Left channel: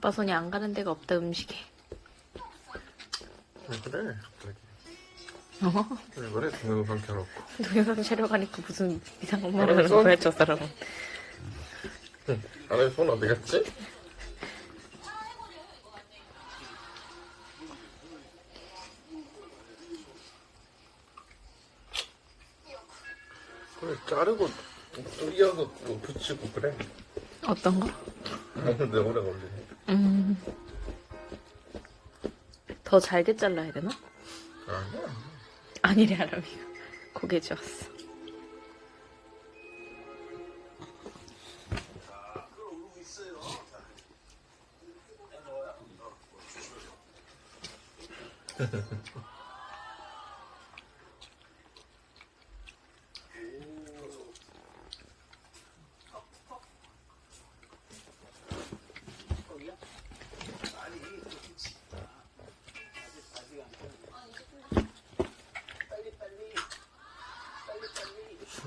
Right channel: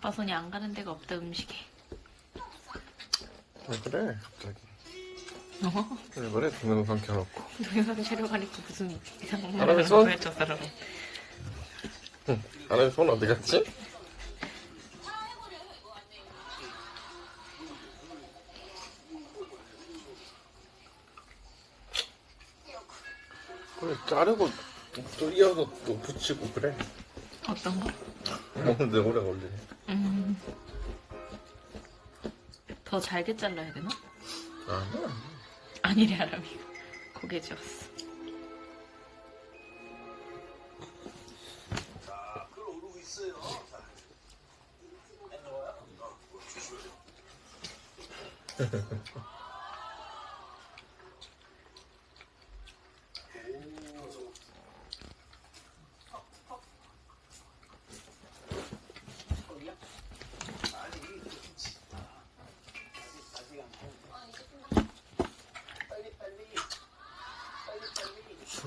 아빠 손이 안 가는 데가 없다 음식에. 왜 그래 갑자기 어? 왜 그래 동영상 켜놓고 동영상 촬영하니까 무슨 이상한 말을 하는 알았어. 거야 저 사람은. 응. 안에 손 어디 갔지? 그래 자르고 뚫려서 또 붙이고 그래 어떤 거? 근데 오래 걸리네 음. 더 잘게 잘라야 되나? 아니래 아람이. 고개 지었어.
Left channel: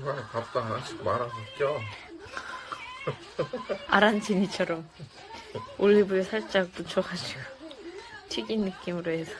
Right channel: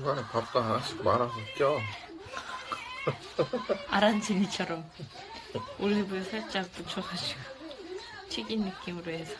주말 밥도 하나씩 말아서 껴. 아란지니처럼 올리브유 살짝 묻혀가지고 튀긴 느낌으로 해서